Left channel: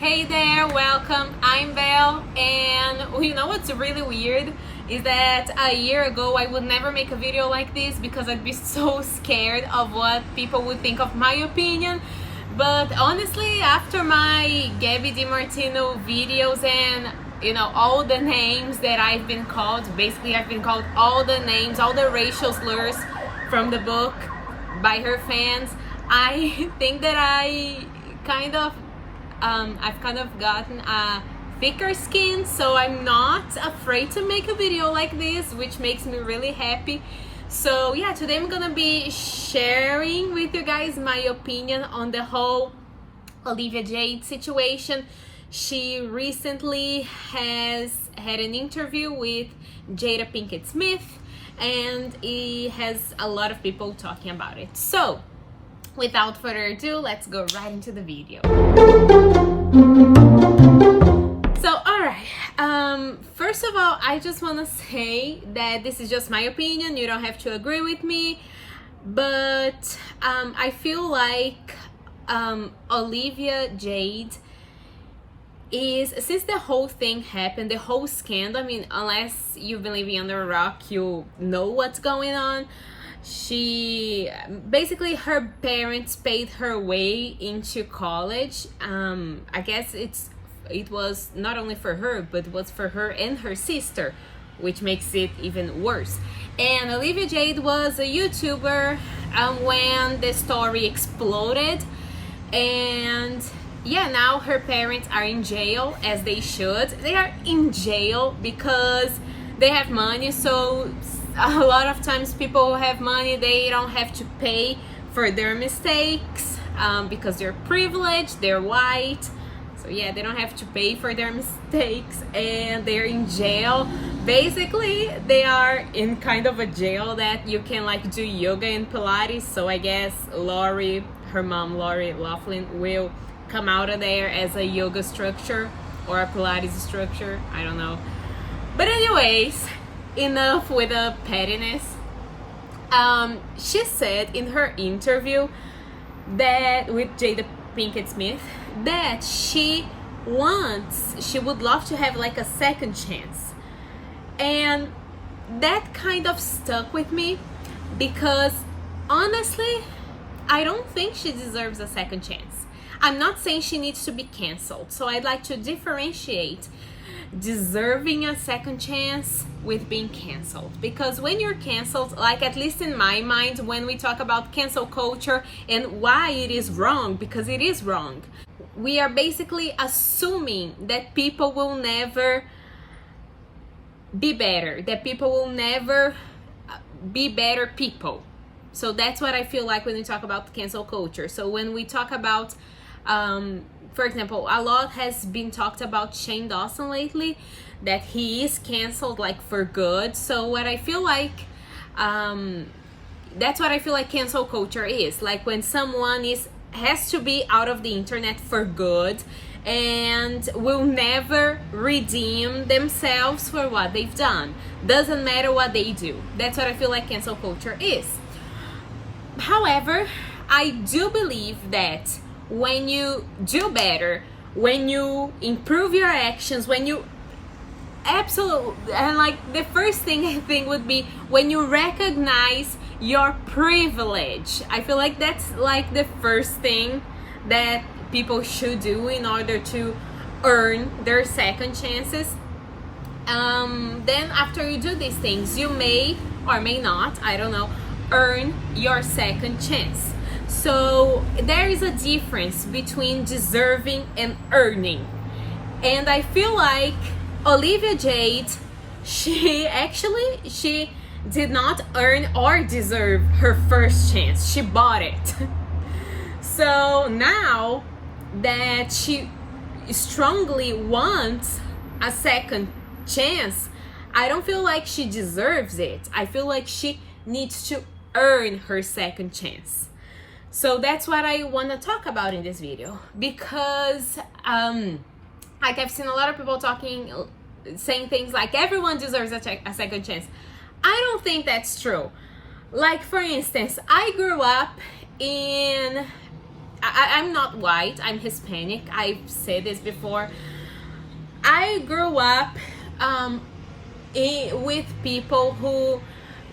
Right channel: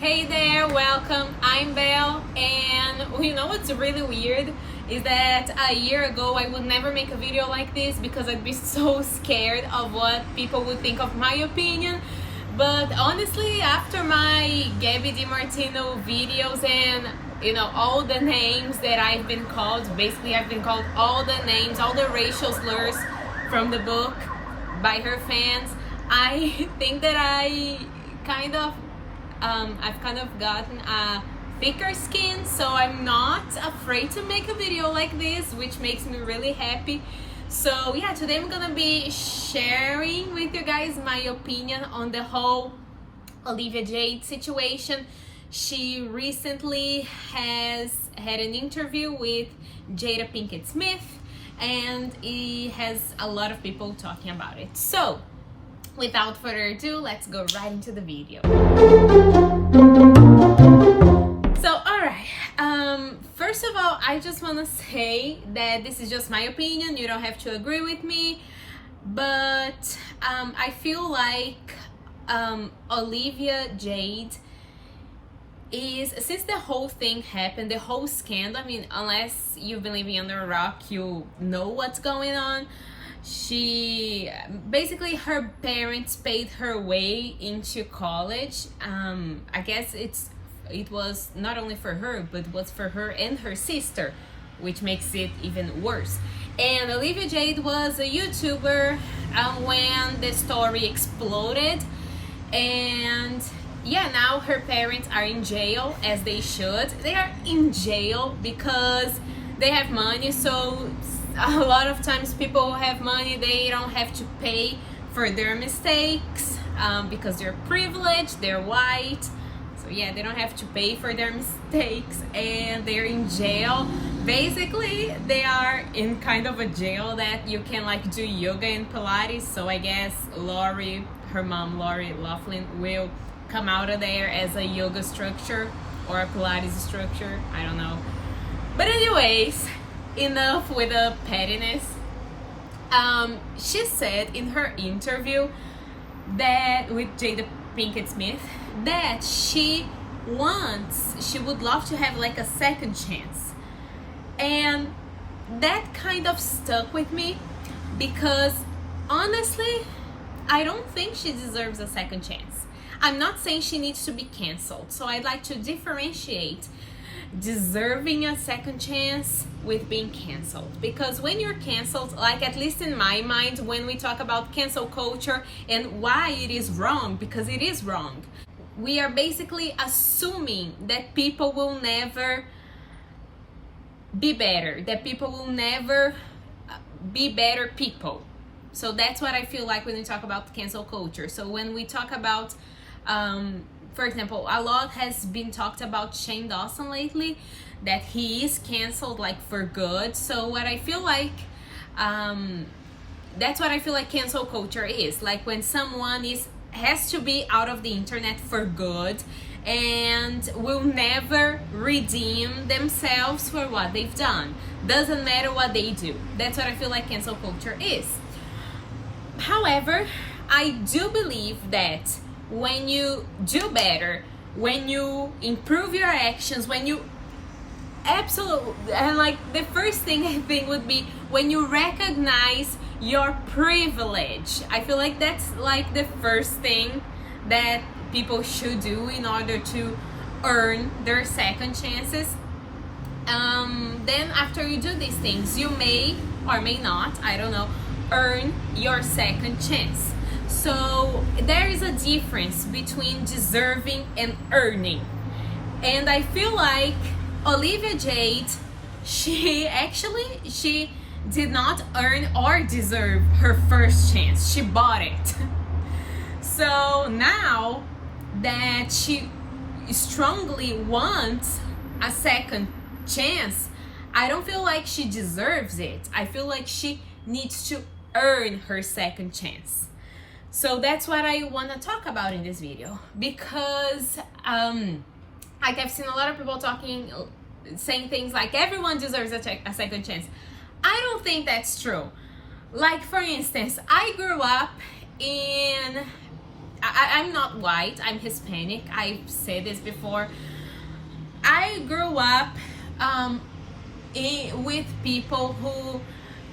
Hey there, welcome. I'm Belle, and you know what's really weird is that a year ago I would never make a video like this because I'd be so scared of what people would think of my opinion. But honestly, after my Gabby DiMartino videos and all the names that I've been called, basically I've been called all the names, all the racial slurs from the book by her fans, I think that I've kind of gotten a thicker skin, so I'm not afraid to make a video like this, which makes me really happy. So yeah, today I'm gonna be sharing with you guys my opinion on the whole Olivia Jade situation. She recently has had an interview with Jada Pinkett Smith, and it has a lot of people talking about it. So without further ado, let's go right into the video. So, alright, first of all, I just want to say that this is just my opinion. You don't have to agree with me, but I feel like Olivia Jade is, since the whole thing happened, the whole scandal, I mean, unless you've been living under a rock, you know what's going on. She basically, her parents paid her way into college. I guess it was not only for her, but it was for her and her sister, which makes it even worse. And Olivia Jade was a YouTuber when the story exploded, and yeah, now her parents are in jail, as they should. They are in jail because they have money, so a lot of times people who have money, they don't have to pay for their mistakes because they're privileged, they're white, so yeah, they don't have to pay for their mistakes, and they're in jail. Basically, they are in kind of a jail that you can like do yoga and Pilates, so I guess Lori, her mom Lori Loughlin, will come out of there as a yoga instructor or a Pilates instructor, I don't know. But anyways, enough with the pettiness. She said in her interview that with Jada Pinkett Smith that she would love to have like a second chance, and that kind of stuck with me because honestly, I don't think she deserves a second chance. I'm not saying she needs to be canceled, so I'd like to differentiate deserving a second chance with being canceled, because when you're canceled, like at least in my mind, when we talk about cancel culture and why it is wrong, because it is wrong, we are basically assuming that people will never be better, that people will never be better people. So that's what I feel like when we talk about cancel culture. So when we talk about for example, a lot has been talked about Shane Dawson lately, that he is canceled like for good. So what I feel like, that's what I feel like cancel culture is. Like when someone has to be out of the internet for good and will never redeem themselves for what they've done. Doesn't matter what they do. That's what I feel like cancel culture is. However, I do believe that when you do better, when you improve your actions, when you absolutely, and like the first thing I think would be when you recognize your privilege. I feel like that's like the first thing that people should do in order to earn their second chances. Then after you do these things, you may or may not, I don't know, earn your second chance. So there is a difference between deserving and earning. And I feel like Olivia Jade, she did not earn or deserve her first chance. She bought it. So now that she strongly wants a second chance, I don't feel like she deserves it. I feel like she needs to earn her second chance. So that's what I want to talk about in this video, because like I've seen a lot of people saying things like everyone deserves a second chance. I don't think that's true. Like for instance, I grew up in I'm not white, I'm Hispanic. I've said this before. I grew up with people who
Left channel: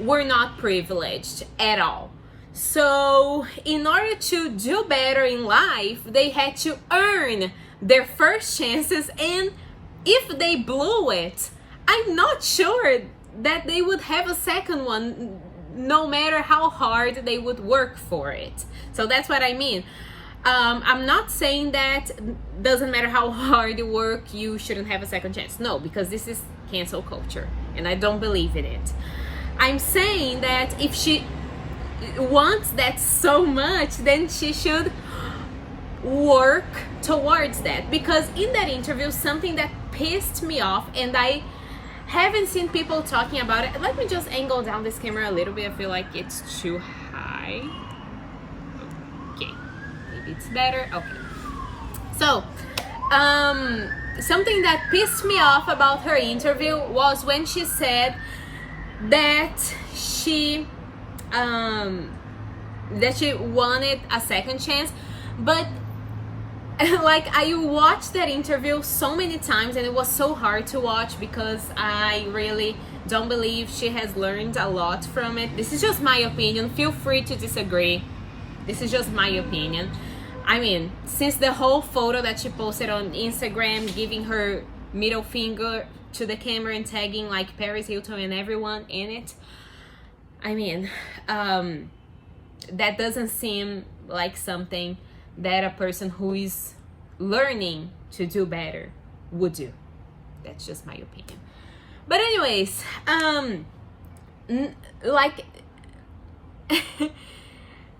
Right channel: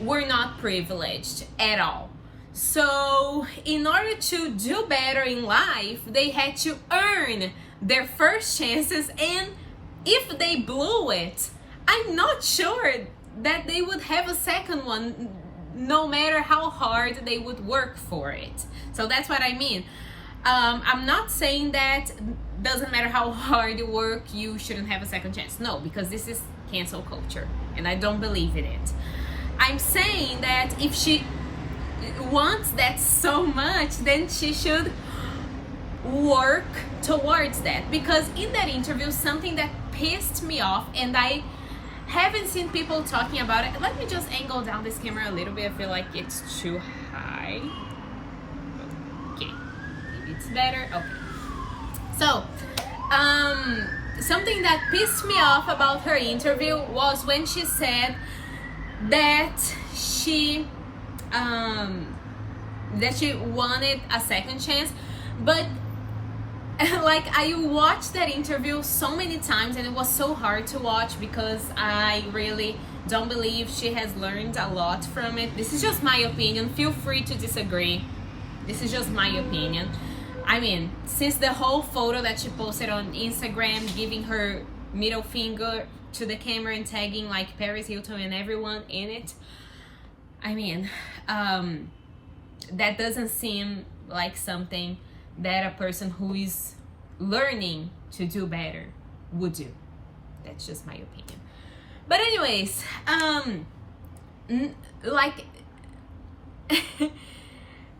were not privileged at all. So in order to do better in life, they had to earn their first chances, and if they blew it, I'm not sure that they would have a second one, no matter how hard they would work for it. So that's what I mean. I'm not saying that doesn't matter how hard you work, you shouldn't have a second chance. No, because this is cancel culture, and I don't believe in it. I'm saying that if she wants that so much, then she should work towards that. Because in that interview, something that pissed me off, and I haven't seen people talking about it. Let me just angle down this camera a little bit. I feel like it's too high. Okay, maybe it's better. Okay. So, something that pissed me off about her interview was when she said that she wanted a second chance, but like, I watched that interview so many times, and it was so hard to watch because I really don't believe she has learned a lot from it. This is just my opinion. Feel free to disagree. This is just my opinion. I mean, since the whole photo that she posted on Instagram, giving her middle finger to the camera and tagging like Paris Hilton and everyone in it, I mean, that doesn't seem like something that a person who is learning to do better would do. That's just my opinion. But anyways, like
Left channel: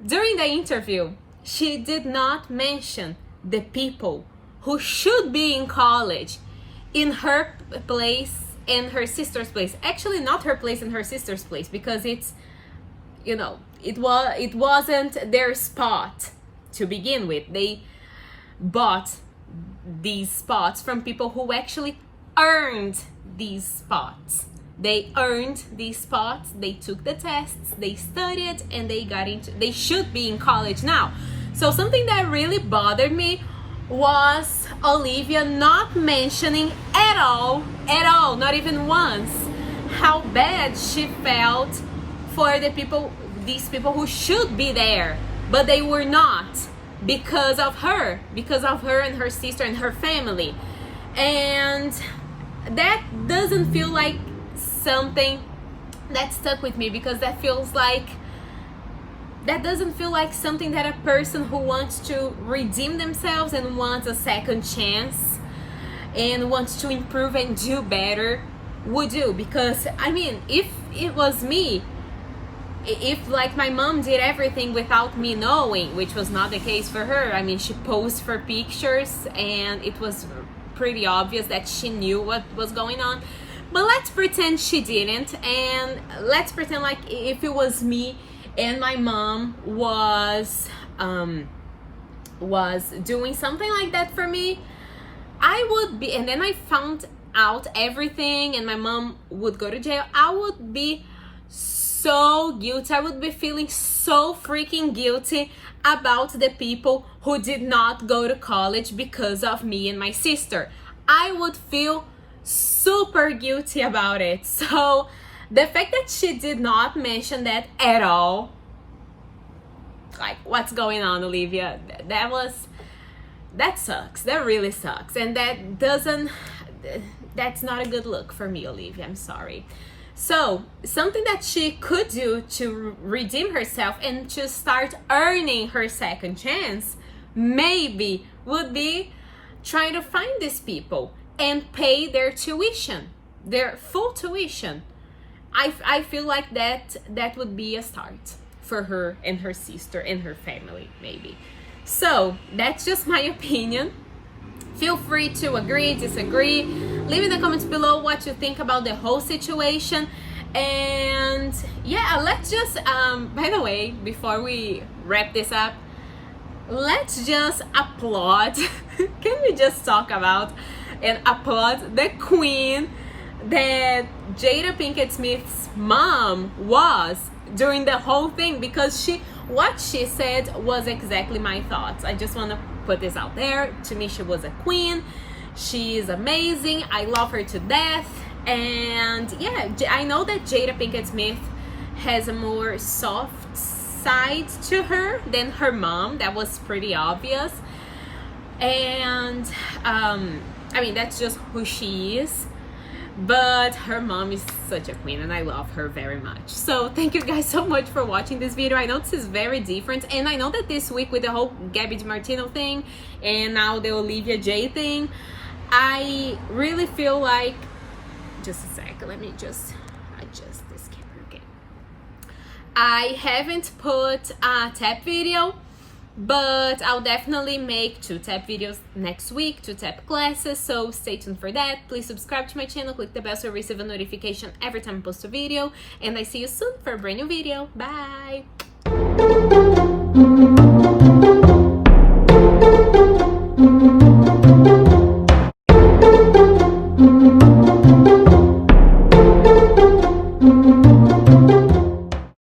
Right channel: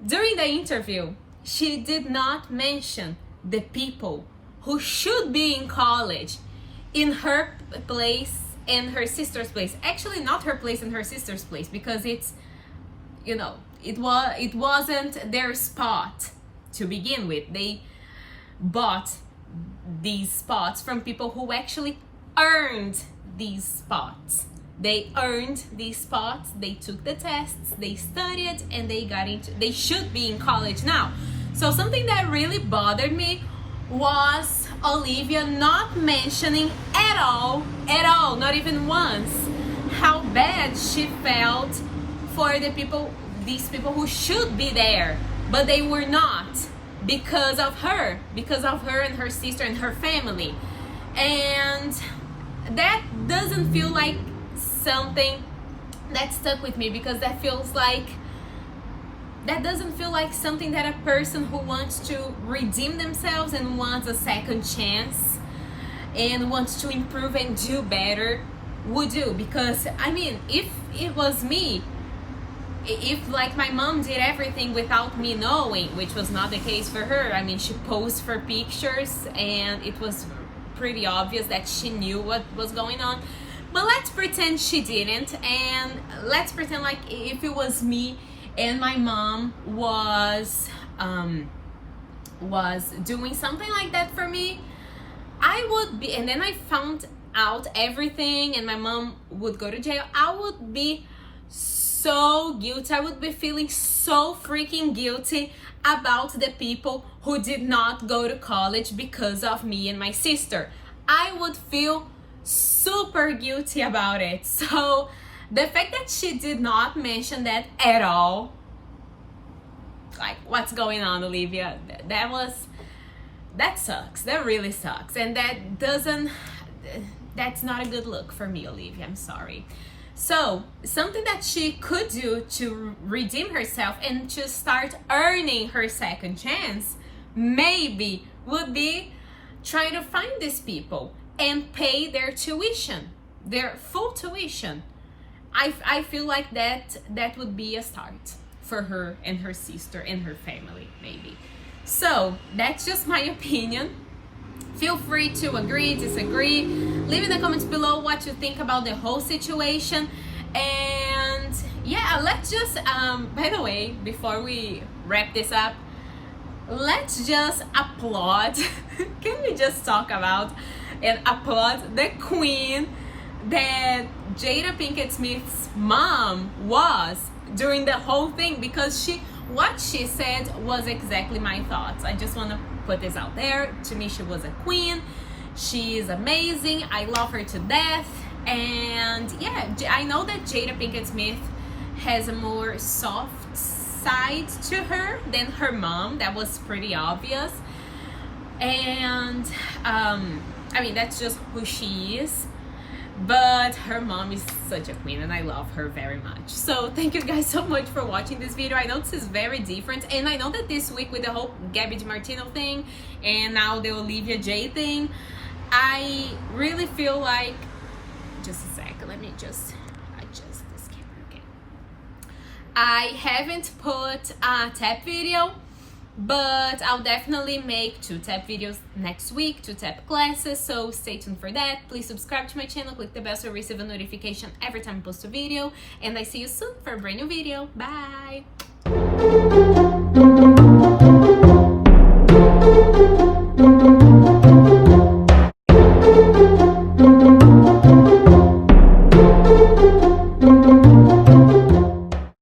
during the interview, she did not mention the people who should be in college in her place and her sister's place. Actually, not her place and her sister's place, because it's, you know, it wasn't their spot to begin with. They bought these spots from people who actually earned these spots. They earned these spots, they took the tests, they studied, and they should be in college now. So something that really bothered me was Olivia not mentioning at all, not even once, how bad she felt for these people who should be there, but they were not, because of her and her sister and her family. And that doesn't feel like something that stuck with me, because that doesn't feel like something that a person who wants to redeem themselves and wants a second chance and wants to improve and do better would do. Because I mean, if it was me, if like my mom did everything without me knowing, which was not the case for her. I mean, she posed for pictures and it was pretty obvious that she knew what was going on. But let's pretend she didn't, and let's pretend like if it was me and my mom was doing something like that for me, I would be, and then I found out everything and my mom would go to jail, I would be so guilty. I would be feeling so freaking guilty about the people who did not go to college because of me and my sister. I would feel super guilty about it. So the fact that she did not mention that at all, like, what's going on, Olivia? That sucks. That really sucks. And that's not a good look for me, Olivia. I'm sorry. So something that she could do to redeem herself and to start earning her second chance, maybe, would be trying to find these people and pay their tuition, their full tuition. I feel like that would be a start for her and her sister and her family, maybe. So that's just my opinion. Feel free to agree, disagree. Leave in the comments below what you think about the whole situation. And yeah, let's just, by the way, before we wrap this up, let's just applaud. Can we just talk about and applaud the queen that Jada Pinkett Smith's mom was during the whole thing? Because she what she said was exactly my thoughts. I just want to put this out there. To me, she was a queen. She is amazing. I love her to death. And yeah, I know that Jada Pinkett Smith has a more soft side to her than her mom. That was pretty obvious. And I mean, that's just who she is. But her mom is such a queen and I love her very much. So thank you guys so much for watching this video. I know this is very different, and I know that this week with the whole Gabby DiMartino thing and now the Olivia Jade thing, I really feel like, just a sec, let me just adjust this camera again. I haven't put a tap video, but I'll definitely make 2 tap videos next week, 2 tap classes, so stay tuned for that. Please subscribe to my channel, click the bell so you receive a notification every time I post a video, and I see you soon for a brand new video. Bye!